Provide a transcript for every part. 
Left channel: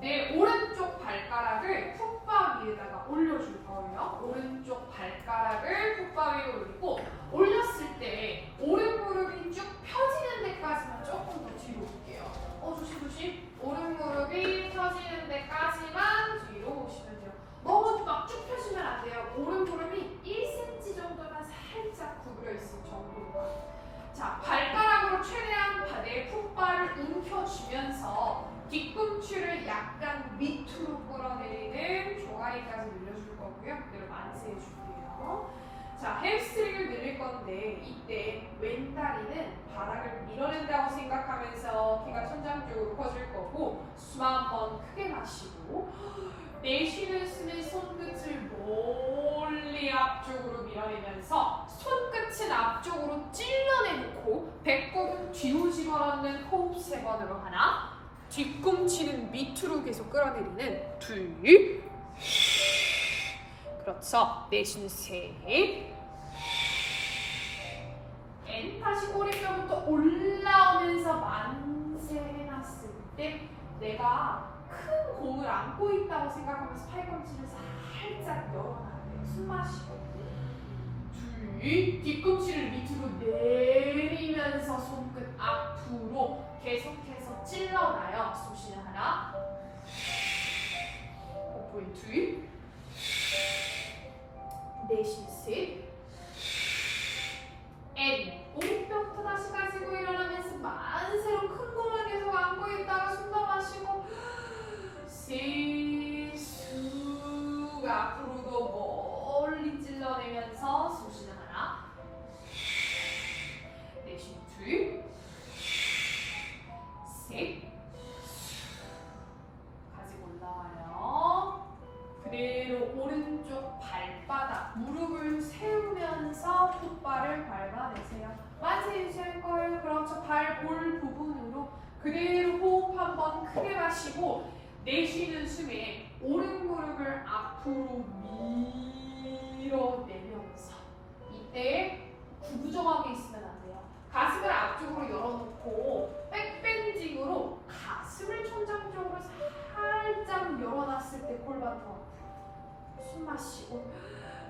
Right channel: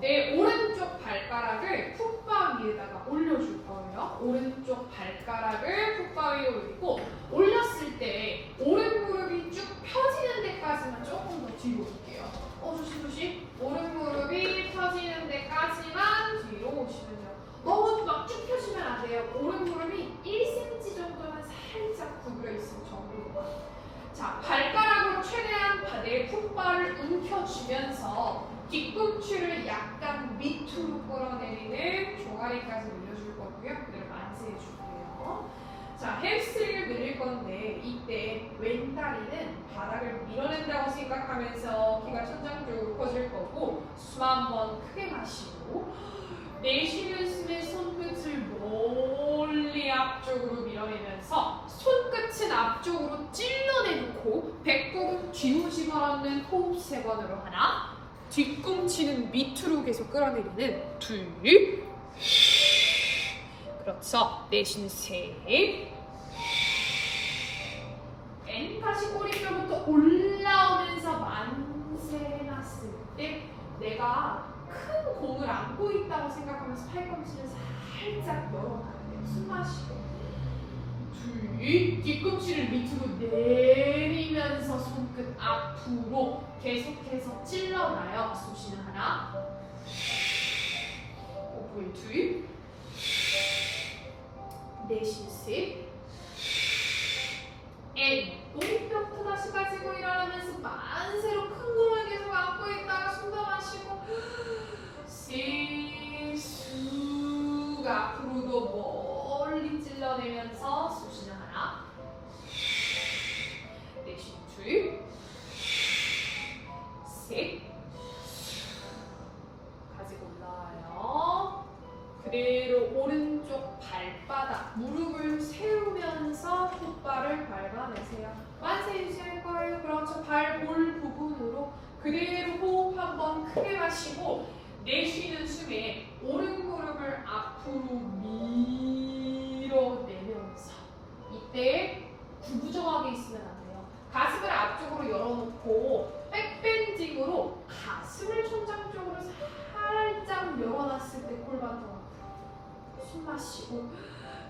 내 오른쪽 발가락을 풋바 위에다가 올려줄 거예요. 오른쪽 발가락을 풋바 위에 올리고 올렸을 때 오른 무릎이 쭉 펴지는 데까지만 조금 더 뒤로 올게요. 어 조심 조심. 오른 무릎이 펴지는 데까지만 뒤로 오시면 돼요. 너무 막 쭉 펴시면 안 돼요. 오른 무릎이 1cm 정도만 살짝 구부려 있을 정도로만. 자 발가락으로 최대한 바- 내 풋바를 움켜쥐면서 뒤꿈치를 약간 밑으로 종아리까지 늘려줄 거고요. 그대로 만세해 줄게요. 자, 햄스트링을 늘릴 건데 이때 왼다리는 바닥을 밀어낸다고 생각하면서 키가 천장 쪽으로 커질 거고 숨 한 번 크게 마시고 내쉬는 숨에 손끝을 멀리 앞쪽으로 밀어내면서 손끝은 앞쪽으로 찔러내놓고 배꼽은 뒤로 집어넣는 호흡 세 번으로 하나 뒤꿈치는 밑으로 계속 끌어내리는 둘 그렇죠. 내쉬는 셋. N 다시 꼬리뼈부터 올라오면서 만세 해놨을 때 내가 큰 공을 안고 있다고 생각하면서 팔꿈치를 살짝 열어놔야 돼요 숨 마시고. 둘 뒤꿈치를 밑으로 내리면서 손끝 앞으로 계속해서 찔러놔요. 숨 쉬는 하나 호흡을 내쉬는 숨에 오른 무릎을 앞으로 밀어내면서 이때 구부정하게 있으면 안 돼요. 가슴을 앞쪽으로 열어놓고 백밴딩으로 가슴을 천장 쪽으로 살짝 열어놨을 때 골반 더 숨 마시고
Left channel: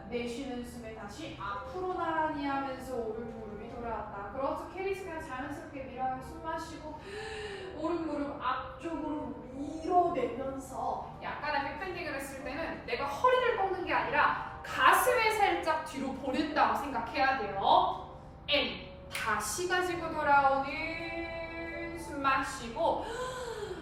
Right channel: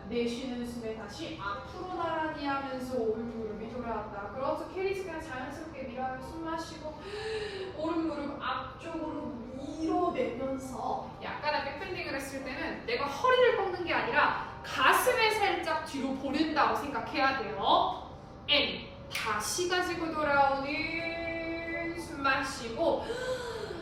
내쉬는 숨에 다시 앞으로 나란히 하면서 오른 무릎이 돌아왔다. 그렇죠. 캐리스가 자연스럽게 밀어내 숨 마시고 오른 무릎 앞쪽으로 밀어내면서 약간의 백밴딩을 했을 때는 내가 허리를 꺾는 게 아니라 가슴에 살짝 뒤로 보낸다고 생각해야 돼요. N 다시 가지고 돌아오는 숨 마시고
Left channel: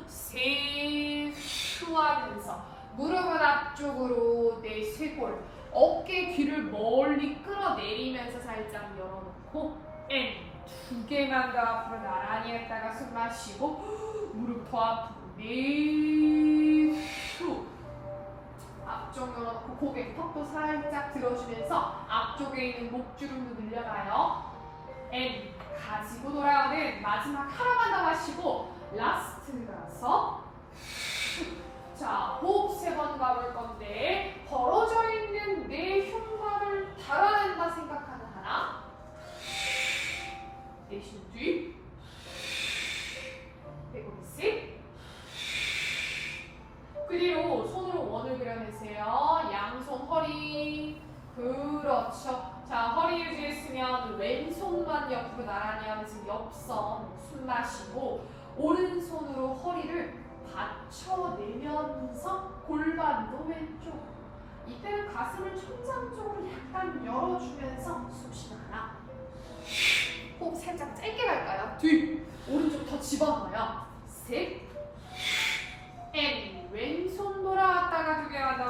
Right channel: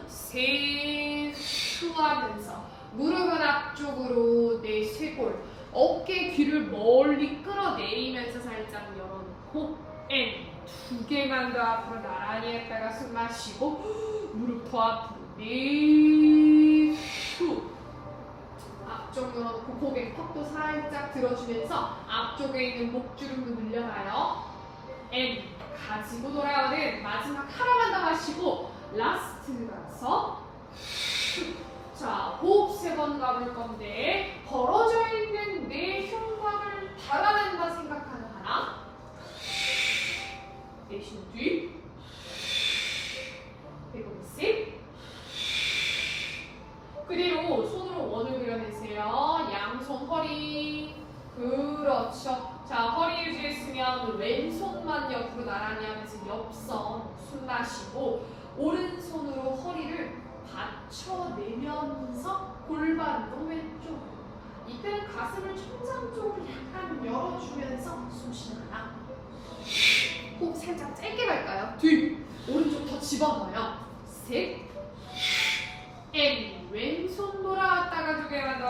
세후 하면서 무릎은 앞쪽으로 내 쇄골 어깨 귀를 멀리 끌어내리면서 살짝 열어놓고 N 두 개만 더 앞으로 나란히 했다가 숨 마시고 무릎 더 앞으로 내후 앞쪽 열어놓고 고개 턱도 살짝 들어주면서 앞쪽에 있는 목주름도 늘려놔요. N 가지고 돌아오는 마지막 하나만 더 마시고 라스트라서 자, 호흡 세 번 가볼 건데 벌어져 있는 내 달아낸다 생각하는 하나 내쉬는 뒤 배꼽 셋 그대로 손으로 원을 그려내세요. 양손 허리. 그렇죠. 자 허리 유지했으면 왼손만 옆으로 나란히 하면서 옆선 숨 마시고 오른손으로 허리를 받쳐내면서 골반도 왼쪽 이때는 가슴을 천장 쪽으로 약간 열어주면서 숨 쉬는 하나. 호흡 살짝 짧게 갈까요? 둘 오른쪽 더 집어넣어요. 셋! N 왼손 돌아왔다가 두 개만 더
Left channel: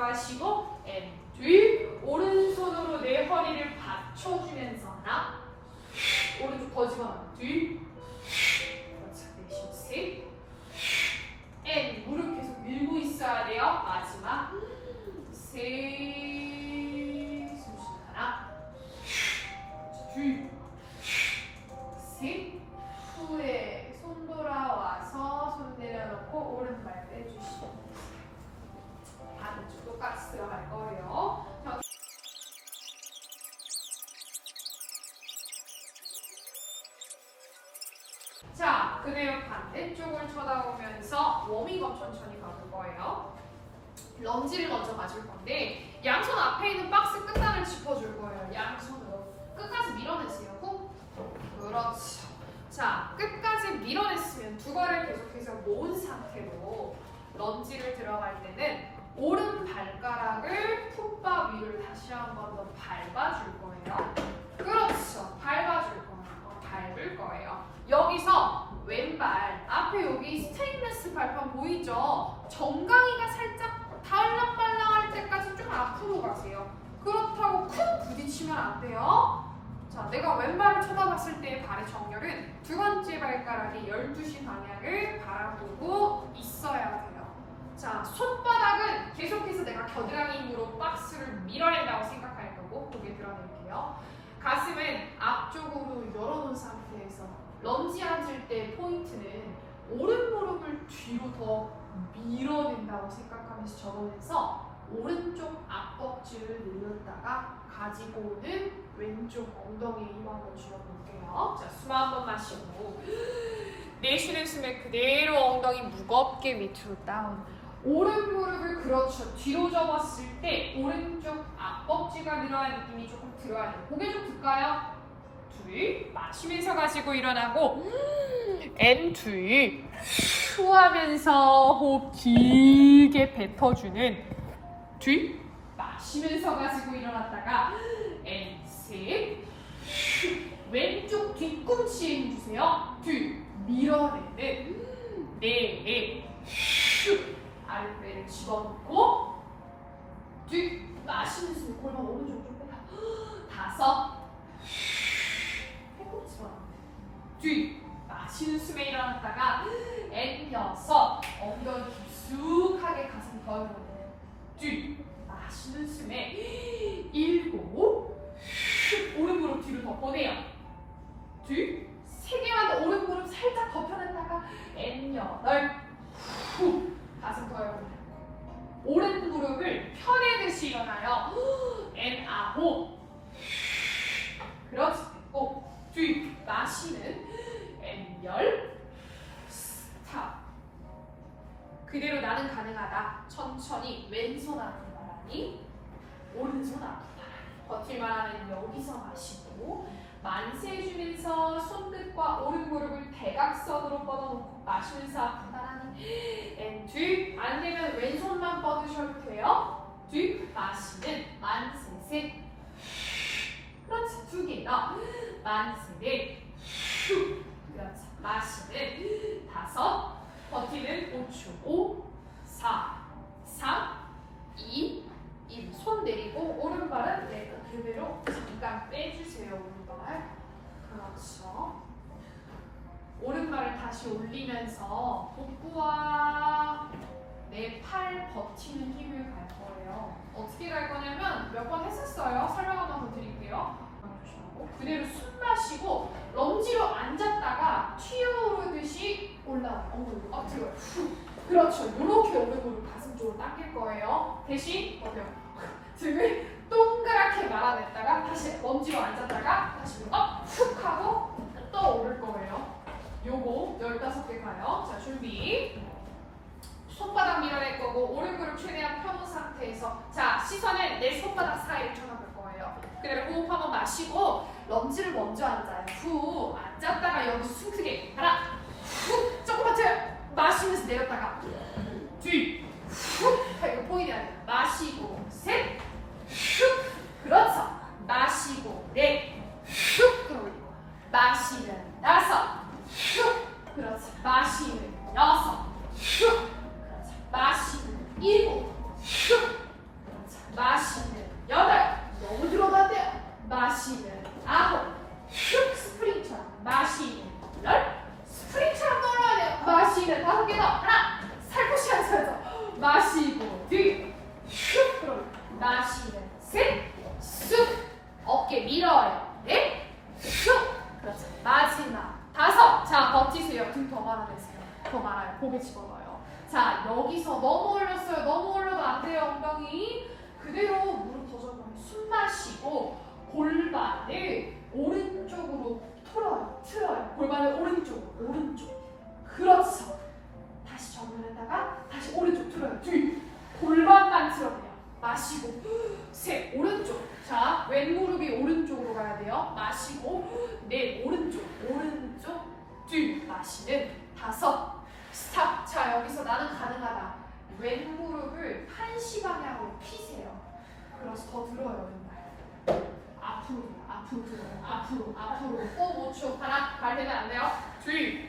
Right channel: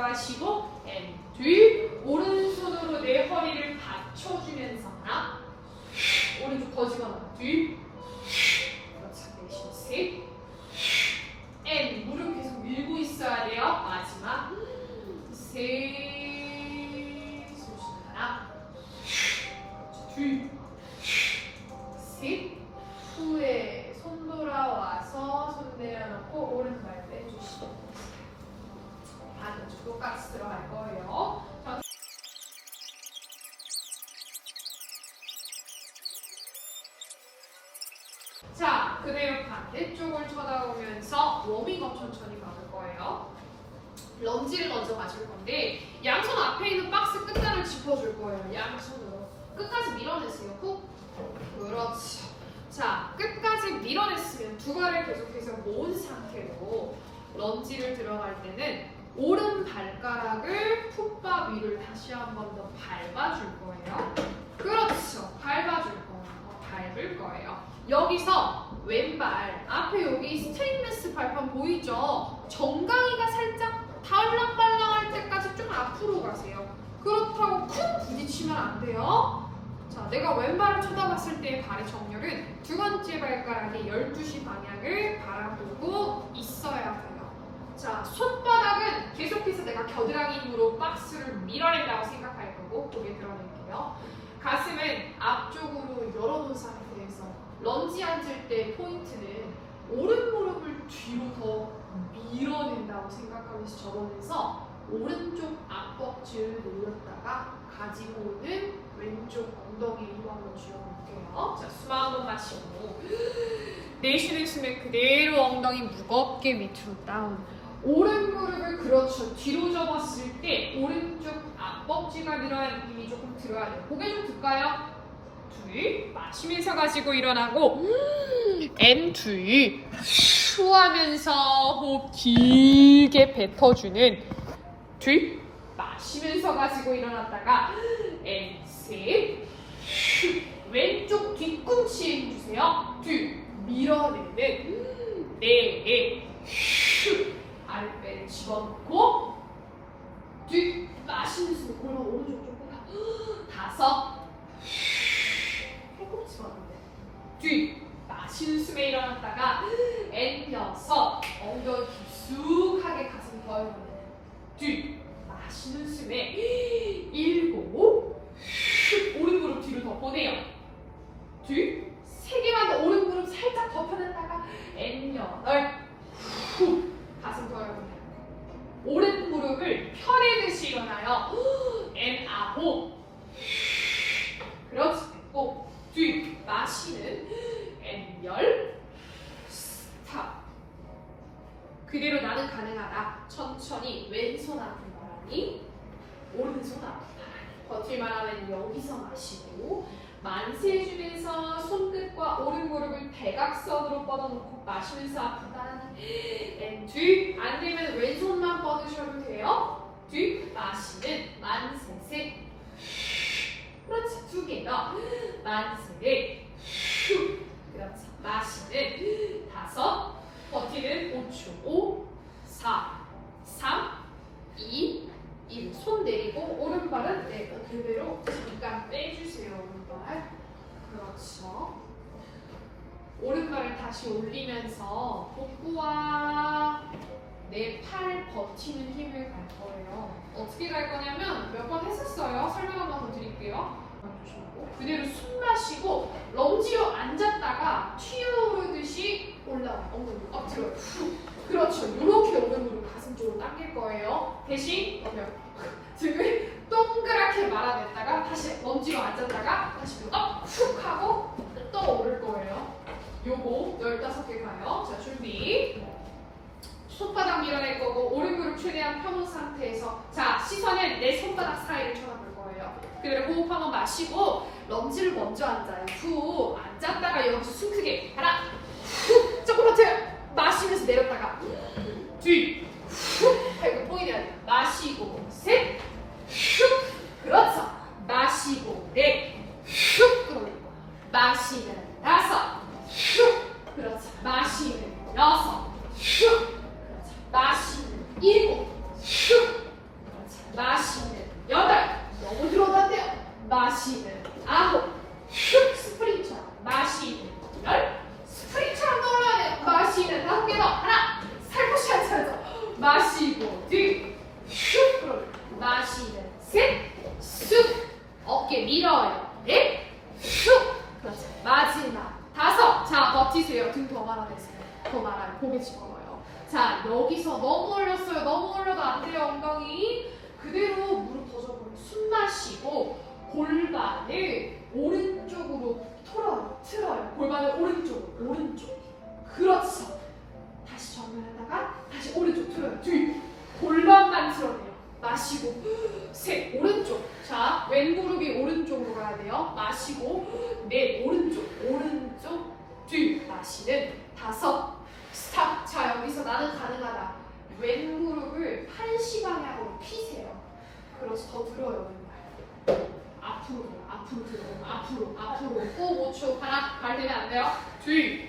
워밍업 천천히 가볼 거예요. 런지를 먼저 맞을 건데 양손 앞에 있는 박스 끝단을 짚어줄 거예요. 양손으로 끝까지 밀어내세요. 후. 그렇죠. 자, 끝까지 밀어냈으면 두 발을 계속해서 모은 상태로 런지를 들어갈 때는 오른 발가락을 풋바 위를 다시 한 번 더 밟아줄 거예요. 그렇죠. 밟아줄 거예요. 어, 밟을 거예요. 여기서 왼발 앞에 여기 스테인레스 발판 보이죠? 정강이가 살짝 달랑말랑할 때까지 좀 앞으로 가세요. 그렇다고 큰 부딪히면 안 돼요. 자, 내가 왼발을 쳐다봤을 때의 발의 정렬은 두 번째 발가락의 12시 방향을 바라보고 있어야 돼요. 자, 손바닥은 계속해서 내가 겨드랑이 힘으로 박스를 밀어낸다고 생각할 거고 고개 드러낼게요. 가슴은 앞쪽으로 열어놓은 상태에서 런지 앉을 때 포인트는 오른 무릎을 뒤로 더 밀어낸다고 생각하면서 접어내서 오른쪽 앞벅지를 늘렸다가 가지고 오는 왼쪽 엉덩이에 힘 한번 쥐어볼게요. 자, 숨 한 번 마시고 내쉬는 숨에 그대로 엉덩이 무겁게 밑으로 다운. 오른 무릎을 그렇죠 뒤로 접었을 때 오른쪽 앞벅지가 늘어난 느낌이 조금 들어야 돼요. 고개 좀 들까요? 둘 마시면서 가지고 일어나고 N2 슈 하면서 호흡 길게 뱉어주는 둘 마시면서 가지고 일어났다가 N3 슈 왼쪽 뒤꿈치에 힘주세요. 둘 밀어내는 네 슈 아랫배를 집어넣고 둘 마시면서 골반 오른쪽 조금 가 다섯 둘 마시는 숨에 일어났다가 여섯 엉덩이 깊숙하게 가슴 더 열어내는 둘 마시는 숨에 일곱 슉 오른 무릎 뒤로 더 보내요. 둘세 개만 더 오른 무릎 살짝 더 펴냈다가 N 여덟 후 가슴 더 열어내고 오른 무릎을 펴내듯이 일어나요. N 아홉. 그렇지 됐고 뒤 마시는 N 열 스탑 그대로 나는 가능하다. 천천히 왼손 앞에 바람이 오른손 앞에 바람이 버틸만 하면 여기서 마시고 만세 해주면서 손끝과 오른 무릎을 대각선으로 뻗어놓고 마시면서 아프다 N 뒤안 되면 왼손만 뻗으셔도 돼요. 뒤 마시는 만세 셋 그렇지 두 개요. 만세 슉 그렇지 마시는 다섯 버티는 5초 5 4 3 2 1 손 내리고 오른발은 네 그대로 잠깐 빼주세요. 오른발. 그렇죠. 오른발을 다시 올리면서 복부와 내 팔 버티는 힘을 갈 거예요. 어떻게 갈 거냐면 몇 번 했었어요? 설명 한번더 드릴게요. 그대로 숨 마시고 런지로 앉았다가 튀어오르듯이 올라와요. 엉덩이 엎드려요. 후. 그렇죠. 이렇게 오른무릎 가슴 쪽으로 당길 거예요. 대신 어때요? 등을 동그랗게 말아냈다가 다시 런지로 앉았다가 다시 업! 훅 하고 또 오를 거예요. 요거 15개 가요. 자, 준비. 손바닥 밀어낼 거고 오른 무릎 최대한 펴놓은 상태에서 자, 시선을 내 손바닥 사이를 쳐다볼 거예요. 그대로 호흡 한번 마시고 런지를 먼저 앉아요. 후 앉았다가 여기서 숨 크게 하나 후 버텨요. 마시면서 내렸다가 뒤 후. 이거 보이네요. 마시고 셋 후. 그렇죠. 마시고 넷후 끌어올리고 마시는 다섯 후. 그렇죠. 마시는 여섯 후. 그렇죠. 마시는 일곱 후. 그렇죠. 마시는 여덟 너무 들어간대요. 마시는 아홉 슉 스프링처럼 마시는 열 스프링처럼 돌아야 돼요. 마시는 다섯 개 더 하나 살포시 앉아서 마시고 뒤슉 끌어 마시는 셋 쑥 어깨 밀어요 넷 슉. 그렇죠. 마지막 다섯. 자 버티세요. 등 더 말아내세요. 더 말아요. 고개 집어넣어요. 자 여기서 너무 올렸어요. 너무 올려도 안 돼요 엉덩이. 그대로 무릎 더 접어요 숨 마시고 골반을 오른쪽으로 틀어요. 틀어요. 골반을 오른쪽 오른쪽 전에다가 다시 오른쪽 틀어요. 뒤. 골반만 틀어내요. 마시고. 셋. 오른쪽. 자, 왼 무릎이 오른쪽으로 가야 돼요. 마시고. 넷. 오른쪽. 오른쪽. 뒤. 마시는. 다섯. 스탑. 자, 여기서 나는 가능하다. 왼 무릎을 팔시 방향으로 펴세요. 그래서 더 들어요, 앞으로, 앞으로 들어요. 앞으로, 앞으로. 꼭 5초. 하나, 발 대면 안 돼요. 뒤.